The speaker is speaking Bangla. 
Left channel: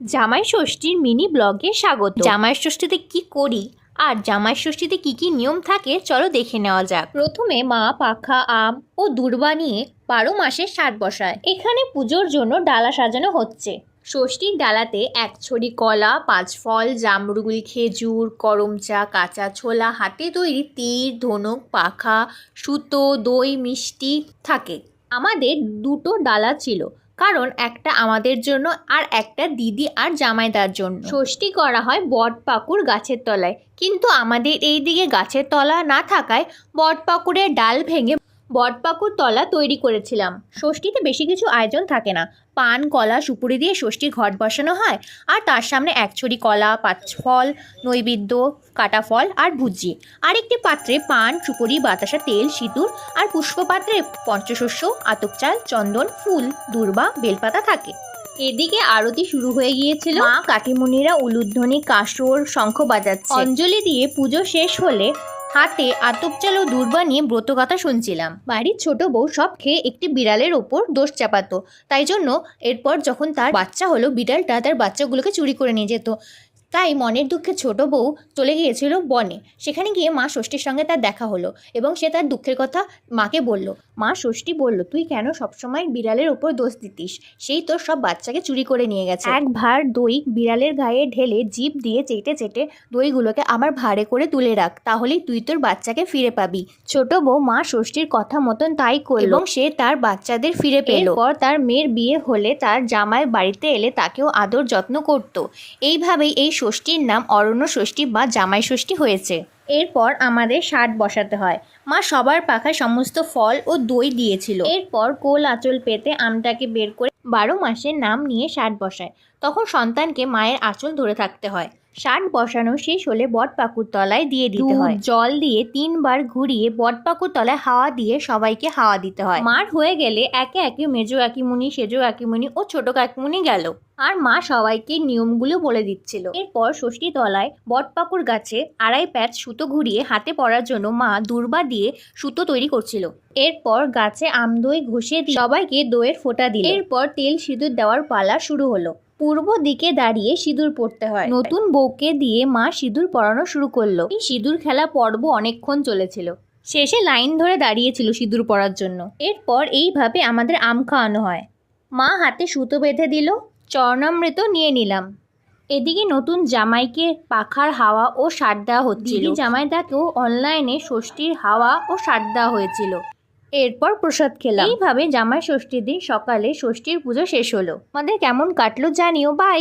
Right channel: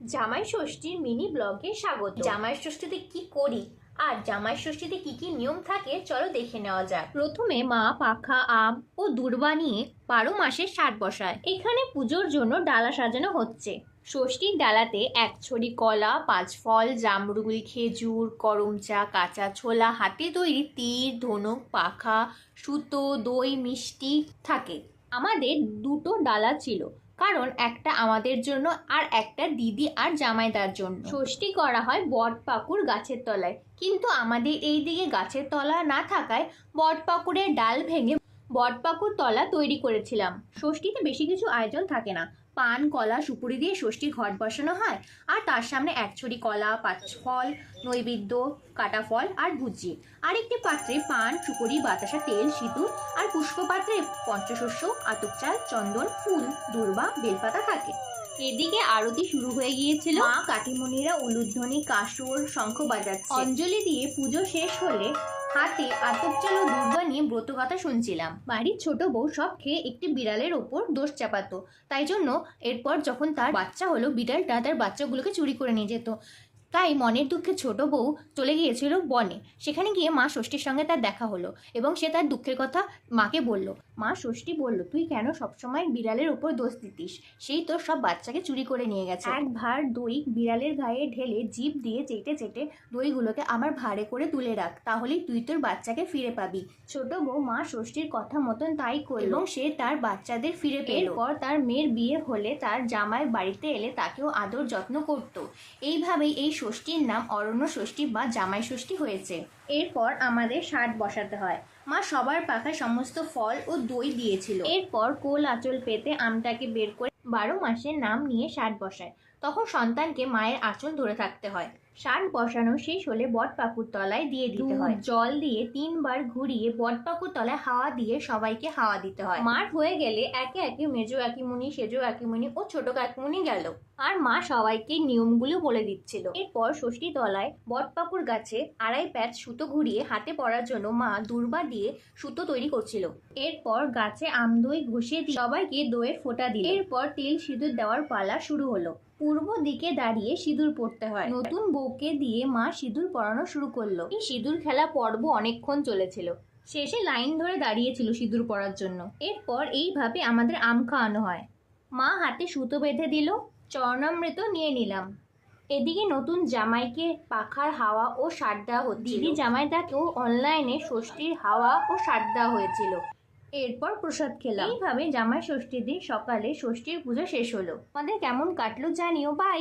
জামাই ষষ্ঠীর মিনি ব্লগে স্বাগত। জামাই ষষ্ঠীতে কি করি আর জামাই ষষ্ঠীতে কি কি নিয়ম থাকে চলো দেখে নেওয়া যাক। প্রথমে মা পাখা আম ও দূর্বা নিয়ে 12 মাসের ষাট বসায়। এখানে পুজোর জন্য ডালা সাজানো হচ্ছে। ষষ্ঠীর ডালাতে 1 ছড়ি কলা, 5 ফল, জামরুল, খেজুর, করম চা, কাঁচা ছোলা, হাতে তৈরি তীর, ধনুক, পাখা, সুতো, দই, মিষ্টি থাকে। আমাদের 2টো ডালা ছিল, কারণ একটা আমাদের জন্য আর একটা দিদি আর জামাইদার জন্য। ষষ্ঠী করা হয় বটপাকুড় গাছের তলায়, কিন্তু আমাদের এই দিকে গাছের তলা না থাকায় বটপাকুড়ের ডাল ভেঙে বটপাকুড় তলা তৈরি করেছিলাম। ষষ্ঠীতে বেশি কিছু আয়োজন থাকে না। পান, কলা, সুপুরি দিয়ে ষষ্ঠীর ঘট বসানো হয়, আর তার সামনে 1 ছড়ি কলা, 5 ফল, নৈবেদ্য, কাটা ফল আর ভুজি। আরেকটি পাত্রে পান, সুপুরি, বাতাসা, তেল, সিঁদুর আর পুষ্পপাত্রে পঞ্চশস্য, আতপ চাল, চন্দন, ফুল, দূর্বা, বেলপাতা থাকে। এদিকে আরতি শুরু হয়ে গিয়েছিল। মা কাকিমুনিরা উলুধ্বনি, কাসর, শঙ্খ বাজাচ্ছে। অঞ্জলি দিয়ে পুজো শেষ হলে হাতে আতপ চাল ও দূর্বা নিয়ে ব্রতকথা শুনছিলাম। বাড়ির ছোট বউ সব খেয়ে একটি বিড়ালের ওপর দোষ চাপাতো, তাই জন্য এরপর যখন তার বাচ্চা হলো, বিড়ালটা তার বাচ্চাগুলোকে চুরি করে নিয়ে যেত। তাই মনের দুঃখে ছোট বউ চলে গিয়েছিল বনে। সেখানে গিয়ে মা ষষ্ঠীর সঙ্গে তার দেখা হলো এবং সে তার দুঃখের কথা মাকে বলল। মা ষষ্ঠী বলল, তুই কেন সবসময় বিড়ালের ওপর দোষ দিতিস? সেই তোর সব বাচ্চাকে চুরি করে নিয়ে গেছে। এক ভাঁড় দই বিড়ালের গায়ে ঢেলে জিভ দিয়ে চেটে চেটে দইগুলোকে আবার ভাঁড়ে করে তুলে রাখ, তাহলেই তুই তোর বাচ্চাকে ফিরে পাবি। ছোট বউ মা ষষ্ঠীর কথা মতন তাই করল এবং সে তার বাচ্চাদের ফিরে পেল। এরপর তার মেয়ের বিয়ে হলে তার জামাই বাড়িতে এলে তাকেও আদর যত্ন করত। এইভাবেই এই ষষ্ঠীর নাম অরণ্য ষষ্ঠী বা জামাই ষষ্ঠী হয়েছে। এরপর আমাদের ষাট বসাতে হয়। মা সবার পাখায় সমস্ত ফল ও দই দিয়েছিল। এরপর কোল আঁচল পেতে আমটাকে বের করে 12 মাসের নাম নিয়ে ষাট বসায়। তখন সন্তানকে মায়ের আঁচল ধরে থাকতে হয়। ষাট বসানো শেষ হলে বটপাকুড় তলায় দিয়ে দিতে হয়। জল দিয়ে 3 বার ঘুরিয়ে বটপাকুড় তলায় হাওয়া দিয়ে সবাইকে হাওয়া দিতে হয়। মার হয়ে গেলে একে একে মেজো কাকিমুনি, সেজো কাকিমুনি ও ছোট কাকিমুনি গেল, আর মা সবাইকে নিয়মগুলো বলে দিচ্ছিল। এরপর ষষ্ঠী তলায় বটপাকুড় গাছে 2.5 প্যাচ সুতো ঘুরিয়ে হাতে পরার জন্য মা দূর্বা দিয়ে সুতো তৈরি করছিল। এরপর গাছে আমদই ঘষে সবাইকে দইয়ের ফোঁটা দিল। এরপর তেল সিঁদুর দেওয়ার পালা শুরু হলো। পূর্ব দিকে দাঁড়িয়ে সিঁদুর পড়তে হয়। নতুন বউকে দিয়ে মা সিঁদুর পরানো শুরু করলো। এই সিঁদুর খেলা পর্ব অনেকক্ষণ চলেছিল। শেষে লাইন ধরে দাঁড়িয়েছিল সিঁদুর পরার জন্য। এরপর এইভাবে আমাদের আম খাওয়ানো হয়। মা হাতে সুতো বেঁধে দিল, চরণামৃত নিয়ে নিলাম। এদিকে নতুন জামাইকে পাখার হাওয়া ও ষাট দেওয়া হচ্ছিল। জামাইদাকেও অনলাইনে ষষ্ঠীর হাওয়া ও ষাট দেওয়া হয়েছিল। এরপর প্রসাদ খেলাম। এইভাবে জামাই ষষ্ঠীর দিন সকালে ষষ্ঠীর পুজো শেষ হলো। আমাদের কেমন কাটলো জানিও। বাই।